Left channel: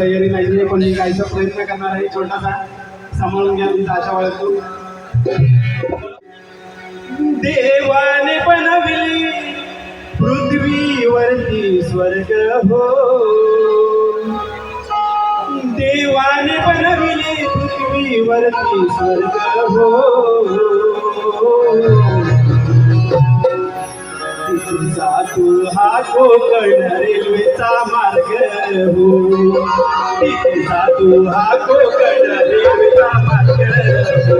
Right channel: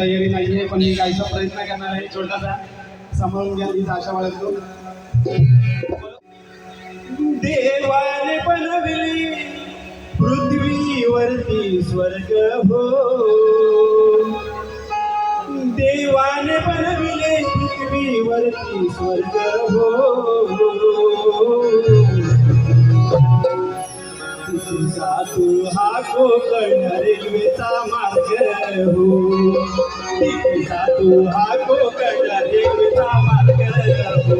तयारी नाहीये, कोणी काहीचा प्रयत्न करणार आहे छोटासा, सांभाळून घ्या तुमचा आशा बाळगतो. देवाने बनविली पृथ्वीवरती स्वर्ग हो, देवाने बनविले पृथ्वीवरती स्वर्ग हो. जातो हा कोकण रेल्वेचा मार्ग हो, जातो हा कोकण रेल्वेचा मार्ग हो.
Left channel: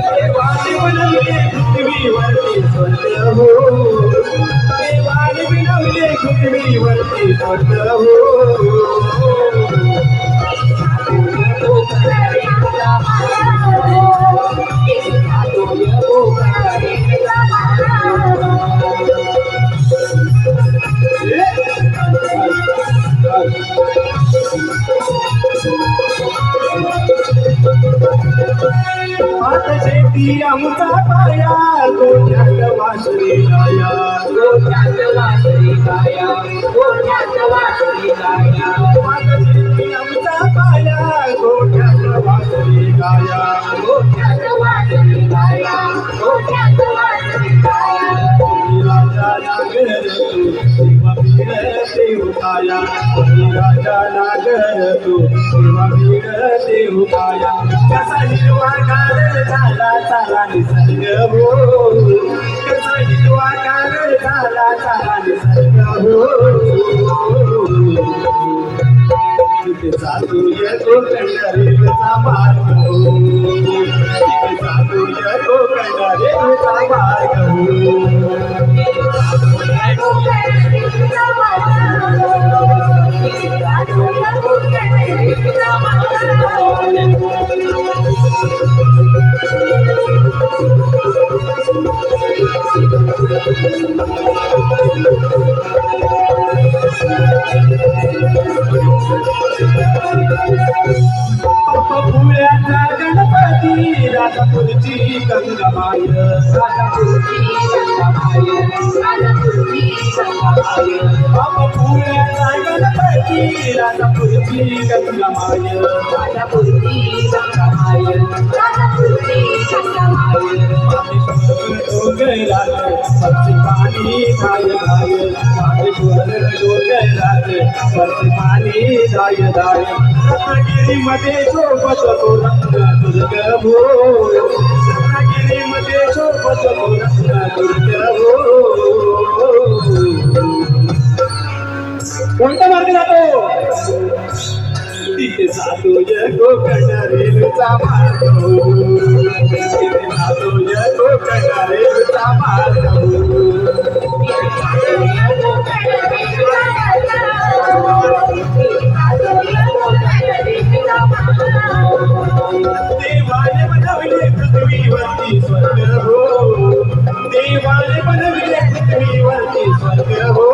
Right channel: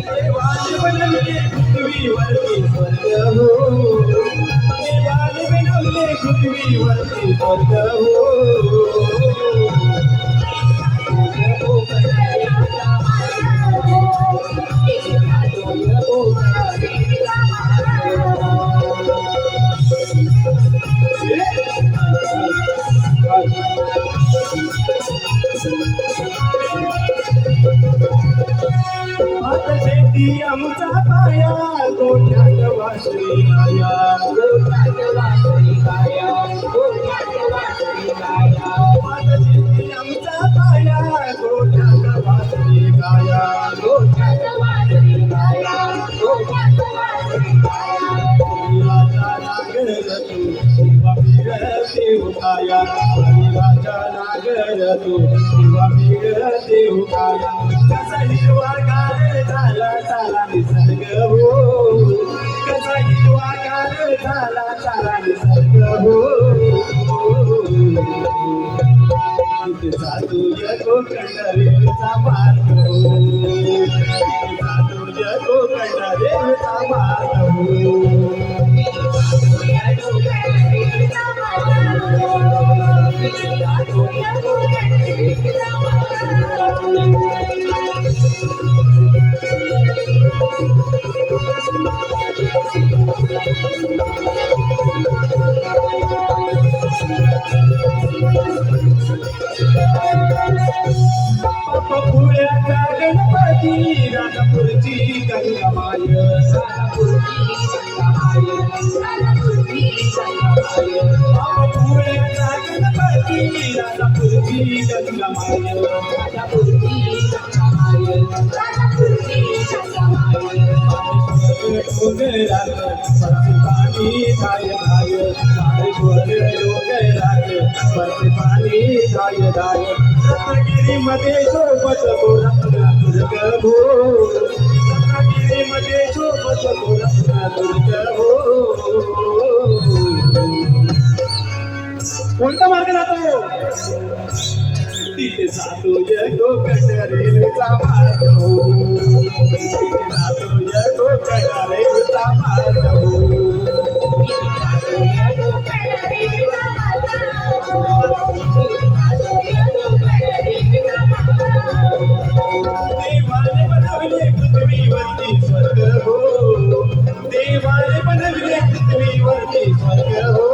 देवाने बनवले पृथ्वीवरती स्वर्ग हो, देवाने बनवले पृथ्वीवरती स्वर्ग हो. शेती आमचा पाया गोठ्यात वासरी गाया, गोठ्यात वासरी गाया, गोठ्यात वासरी गाया. शेती आमचा पाया गोठ्यात वासरी गाया, गोठ्यात वासरी गाया, गोठ्यात वासरी गाया. राजा नागर तू शिवा मिळते उपाया, राजा नागर तू शिवा मिळते उपाया. कसा हिरवागार झाला चाला निसर्ग हो, कसा हिरवागार झाला चाला निसर्ग हो. तिथे जातो कोकण रेल्वेचा मार्ग हो, तिथे जातो कोकण रेल्वेचा मार्ग हो. पुण्याचा गणपती राजापूरची गंगामाय, राजापूरची गंगामाय, राजापूरची गंगामाय. पुण्याचा गणपती राजापूरची गंगामाय, राजापूरची गंगामाय, राजापूरची गंगामाय. डोंगरात पक्षी पाणी धाय धाय, माहेश्वर डोंगरात पक्षी पाणी धाय धाय. रत्नागिरीमध्ये सोबत रत्नदुर्ग हो, रत्नागिरीमध्ये सोबत रत्नदुर्ग हो. कोणता मार्ग जातो? तिथे जातो कोकण रेल्वेचा मार्ग हो, तिथे जातो कोकण रेल्वेचा मार्ग हो. देवाने बनविले पृथ्वीवरती स्वर्ग हो, देवाने बनविले पृथ्वीवरती स्वर्ग हो.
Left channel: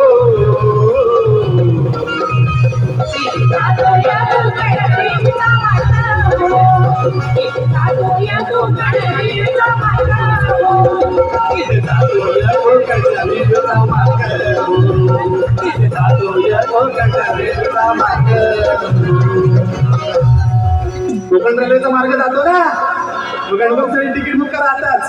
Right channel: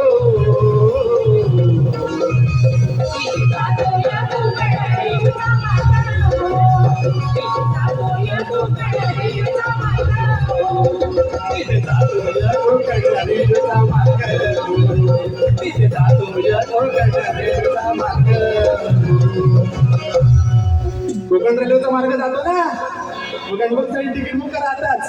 कोकण रेल्वेचा मार्ग जातो ना, गणपतीसाठी तिकीट बुक करा आताच.